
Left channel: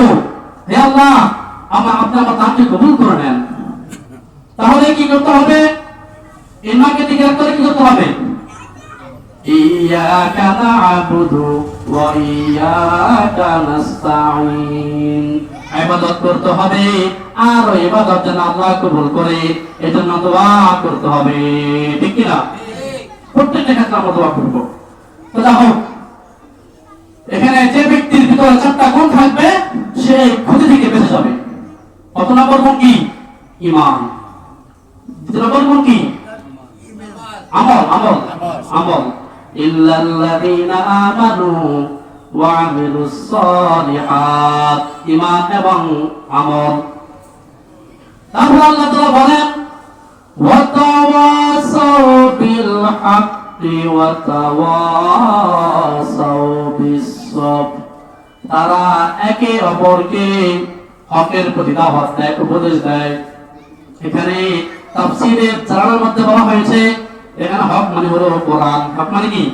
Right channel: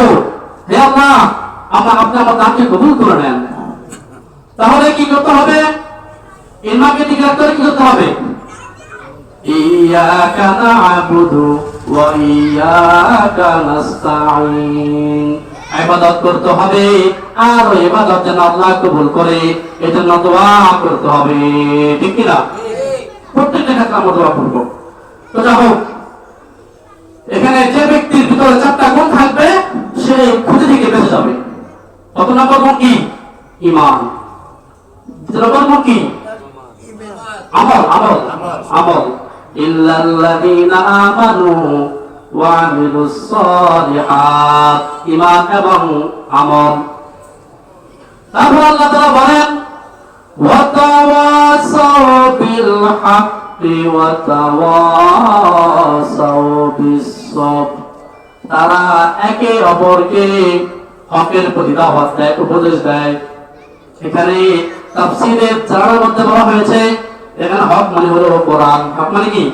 হে আল্লাহ আপনি আমার দানকে কবুল করে নেন। তাহলে কি করতে হবে? ঈমানকে ঠিক রাখতে হলে কি করতে হবে? ইয়্যাকা না'বুদু ওয়া ইয়্যাকা নাস্তাঈন, ইবাদত করতে হবে আর ওই ইবাদত যেন আল্লাহ কবুল করে এজন্য দোয়া করতে হবে। ঠিক কি না? প্রত্যেকটা ক্ষেত্রে আমরা দোয়া করব। তো যাও, এখানে যে ব্যক্তির ভিতরে চারটা গুণ থাকবে সে ক্ষতি থেকে বেঁচে যাবে। কত নম্বর গুণ কি? ঈমান। দ্বিতীয় নম্বর গুণ কি? আমল, আমল, আমল। ইল্লাল্লাযীনা আমানু ওয়া আমিলুস সালিহাত, ঈমান এবং আমল। তারপর আল্লাহ তাআলা বলেন ওয়া তাওয়াসাউ বিল হাক্কি ওয়া তাওয়াসাউ বিস সবর, তারা একে অপরকে হকের প্রতি দাওয়াত দেয়, উপদেশ দেয়। এখানে তাফসীরের জানার মধ্যে বলা হয়েছে এখানে হক মানে হলো কোরআন। হক মানে কি?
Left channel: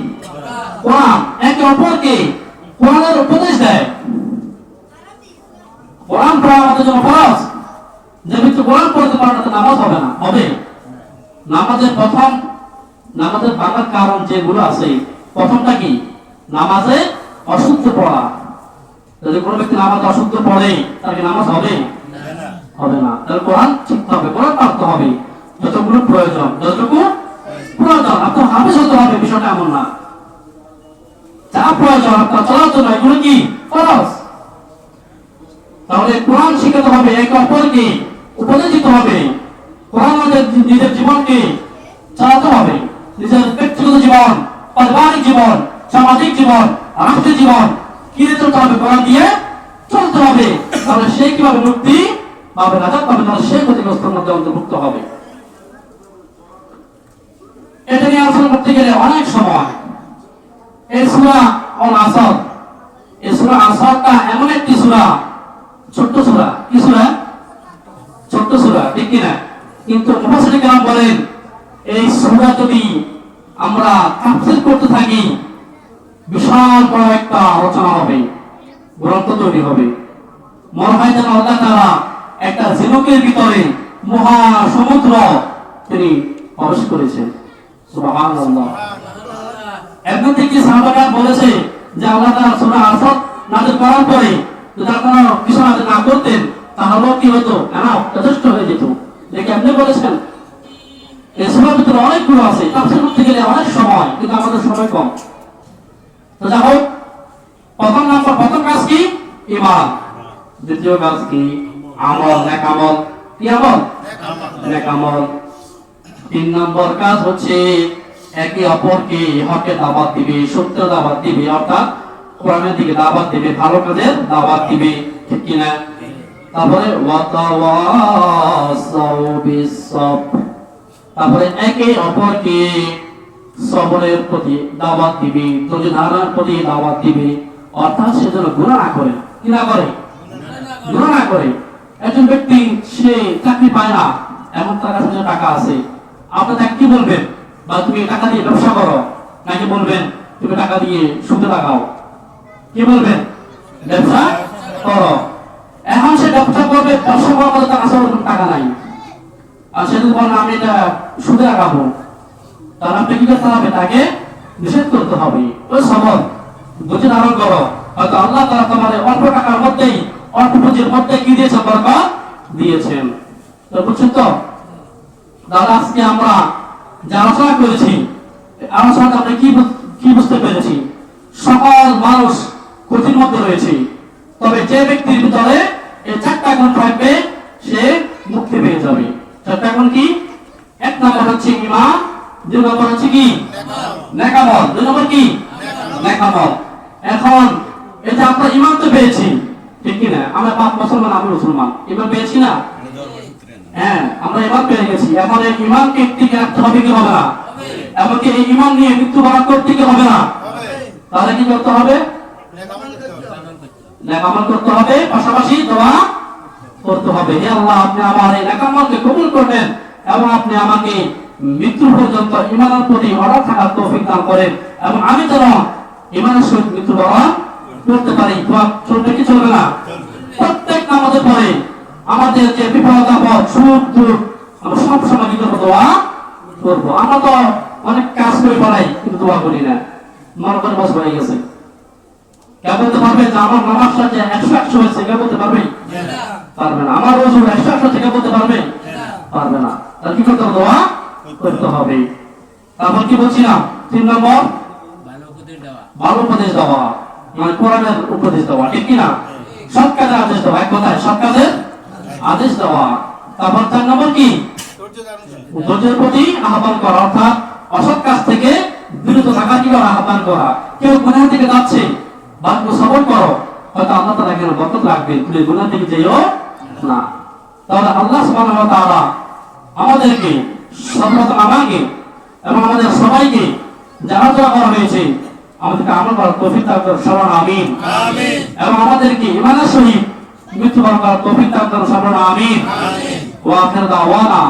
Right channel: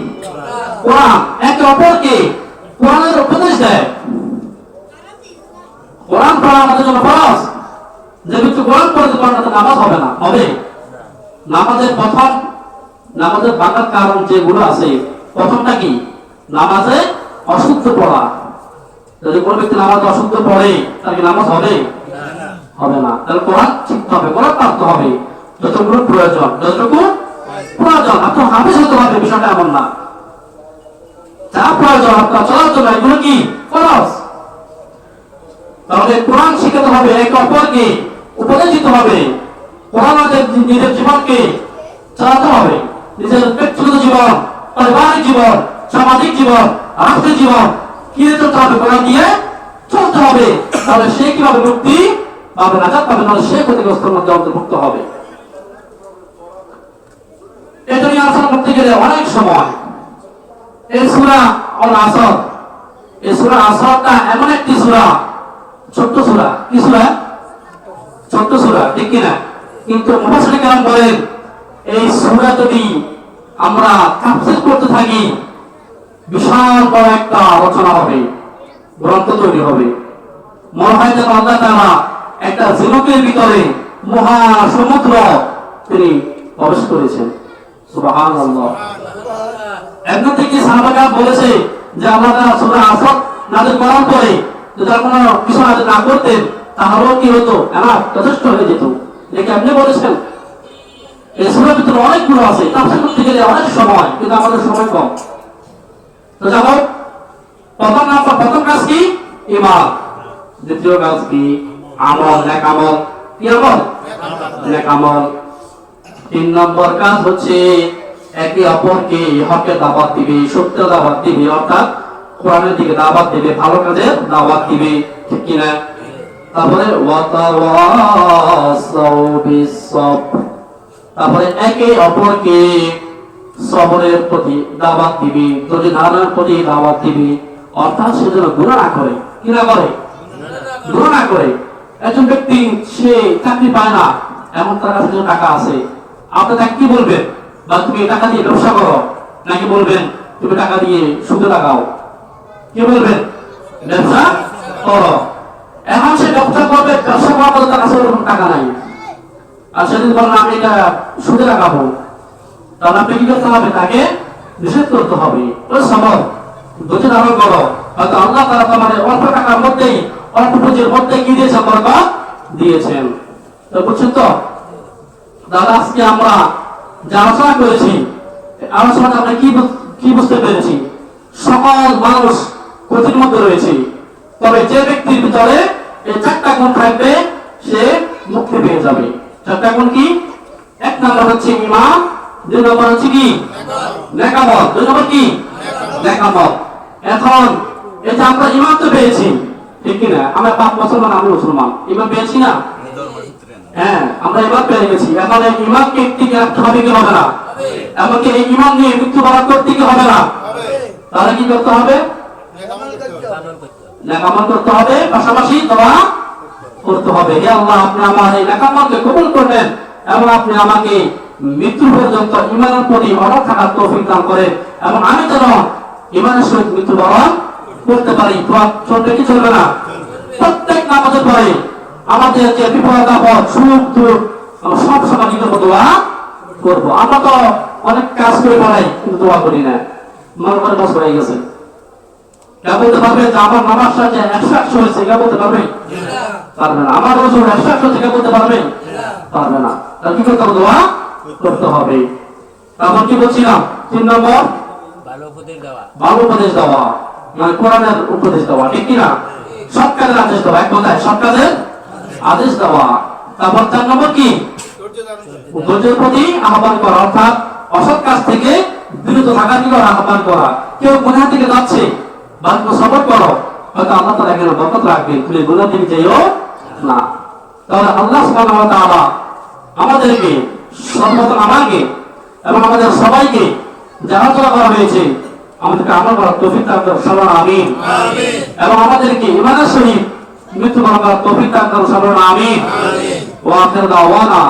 কোরআন। একে অপরকে কোরআনের উপদেশ দেয়। কোরআন পড়া আমাদের জন্য ফরজ। যে ব্যক্তি কোরআন পড়তে পারে না তার নামাজ হবে না। হবে? নামাজের প্রথম, নামাজের ভাঙার কারণ যেগুলো আছে, প্রথমটা কি? নামাজে অশুদ্ধ পড়া। যদি কোনো ব্যক্তি নামাজে অশুদ্ধ পড়ে তার কি নামাজ হবে? হবে না। তাহলে কোরআন শিখতে হবে, কোরআন পড়তে হবে যতটুকু প্রয়োজন, যতটুকু প্রয়োজন। আপনার হাফেজ হতে হবে, বিষয়টা এমন না। যা প্রয়োজন আপনার চলার জন্য এগুলো কি ফরজ। তাহলে কোরআন শিখাতে হবে, একে অপরকে উপদেশ দিতে হবে, কোরআন নিজের জীবনকে চালাতে হবে, নিজের ব্যক্তিগত জীবন, পারিবারিক জীবন, সামাজিক জীবন, রাষ্ট্রীয় জীবন কি চলতে হবে? কোরআন দিয়ে তাহলে সে কিভাবে মুক্তি পাবে, নাজাত পাবে, তাহলে সে ক্ষতিগ্রস্তের মধ্যে অন্তর্ভুক্ত হবে। এটা নিয়ে আলোচনা করতে গেলে অনেক সময়। এই সূরা আল আসর, এই সূরা আসরটা এমন একটি সূরা, ছোট্ট সূরা, কি সূরা? ছোট্ট সূরা, ঠিক কিনা? কিন্তু মুফাসসিরিন কেরাম বলেন এই সূরা যদি আমরা তাফসীর করতে থাকি বিশাল বড় একটা রচনা হবে, গ্রন্থ তৈরি হবে। মনে হয় যেন আল্লাহ তাআলা একটা ঝিনুকের ভিতরে মহা সমুদ্র তিনি প্রবেশ করেছেন। সুবহানাল্লাহ। এমন থেকে সাহাবারা বলেছে যে আল্লাহ তাআলা সূরা আসর নাযিল করার পরে যদি কোনো কিছু নাযিল না করতেন তাহলেও কি হতো, এনাফ যথেষ্ট হয়ে যেত। দেখে আপনি বলেছেন এই সূরার ভিতরে অনেকগুলো আছে, তাফসীর করতে গেলে অনেক সময়, কিন্তু আমাদের সময় কম। তো যাও, প্রথম কাজ কি? ঈমান। দ্বিতীয় কাজ কি? আমল, নেক আমল। কি আমল? নেক আমল। 3 নম্বর কাজ হচ্ছে একে অপরকে হকে দাওয়াত দিবে, সত্য দাওয়াত দিবে, অর্থাৎ কোরআনের দিকে দাওয়াত দিবে, ভালো কাজের দাওয়াত দিবে, ঠিক কি না? তারপরে ওয়াতাওয়াসাউ বিস-সবর, তারপরে একে অপরকে সবরের প্রতি দাওয়াত দিবে, ধৈর্য ধারণের প্রতি দাওয়াত দিবে, অর্থাৎ সে যেন গুনাহ না করে। কি না করে? গুনাহ না করে। একজন ব্যক্তি সে চাকরি পায় না, এমন তার কাছে টাকা আছে, আপনি তাকে কি বলবেন? বা তুমি টাকা দিয়ে ব্যবসা করো, নাকি বলবেন তুমি টাকা দিয়ে সুদে লাগাও? কি বলবেন? ব্যবসা করো। এখন সে ব্যবসা করবে, ব্যবসা করার পরে তার কাছে টাকা নাই, আর সে যদি বলেন আমি এটা সুদে লাগাবো, তাহলে আপনি কি করতে হবে? তাকে নিষেধ করতে হবে। ওই সবর, ধৈর্য ধারণ করো। হয়তো আল্লাহ তাআলা তোমাদের অল্প টাকার মধ্যেই, অল্প পুঁজির মধ্যে কি দিয়েছে? বরকত দিয়েছেন। তো বুঝছেন তো? দাদা, আজকে আমরা যে আলোচনা করেছি, আলোচনাটা আমরা কি বুঝতে পেরেছি? সকল মানুষ ক্ষতির মধ্যে রয়েছে, তবে যে ব্যক্তির ভিতরে এই 4টা গুণ থাকবে সে মুক্তি পেয়ে যাবে। 4টা গুণ কি? 1 নম্বর হচ্ছে ঈমান, 2 নম্বর হচ্ছে কি? নেক আমল, 2 নম্বর কি? নেক আমল। এখন এই যে আমরা ঈমান তো পেয়েছি, ঠিক কি না? আমরা বাপ মুসলমান, আমি মুসলমান, ঈমান পেয়েছি না? হ্যাঁ, আমরা ঈমান পেয়ে গেছি। এখন এই ঈমানকে টিকে রাখতে হবে কি হবে না? এমনকি এই ঈমান নিয়ে মৃত্যুবরণ করতে কি হবে না? তাহলে কি করতে হবে? নেক আমল করতে হবে, পাশাপাশি দোয়া করতে হবে। হে আল্লাহ, আপনি আমার এই নেক আমলকে কবুল করলেন এবং আপনি আমাকে মৃত্যু পর্যন্ত ঈমানের প্রতি অটল থাকার তৌফিক দান করেন, এবং আমি যেন ঈমানের সহিত মৃত্যুবরণ করতে পারি। দোয়া চলবে কি চলবে না? প্রত্যেক নামাজের পরে আমাদের যে বিপদ আপদ, সুখ দুঃখ, আমরা সব সময় কি করবো? দোয়া করবো। আমরা তো অনেক কাজ করে পালাই, কিন্তু দোয়া করি না। মনে করে বস হয়ে গেছে। কে বলতে পারবে যে আমার নামাজটা যে 100 হয়েছে? কে বলতে পারবে? পারবে না। আমার রোজ 100 হচ্ছে, কে বলতে পারবে? পারবে না। তাহলে কি করতে হবে? দোয়া করতে হবে। তারপর কি বলছিলাম? 3 নম্বর ভালো উপদেশ দেওয়া, মানে কোরআনের উপদেশ দেওয়া, ঠিক কিনা? সৎ কাজের আদেশ দেওয়া, এক কথায় সৎ কাজের আদেশ দেওয়া। তারপর 4 নম্বর কি? ধৈর্যের প্রতি আহ্বান করা, অর্থাৎ অসৎ কাজ থেকে বিরত থাকার কি করা? আহ্বান করা। কেউ গুনাহ থেকে যাচ্ছে, বাকি সবর করো, হয়তো আল্লাহ তাআলা এখানে বরকত রাখবেন, তুমি গুনাহ থেকে যেও না। তাহলে আল্লাহ সুবহানাহু ওয়া তাআলা আমাদেরকে, সর্বপ্রথম আমাকে এবং আমাদের সবাইকে যারা দোয়া করা হয়েছে, আমাদেরকে আমল করার তৌফিক দান করুন, সবার আমিন। এবং আমাদেরকে ঈমানের সহিত মৃত্যুবরণ করার তৌফিক দান করুন, সবার আমিন। ওয়া আখির দাওয়ানা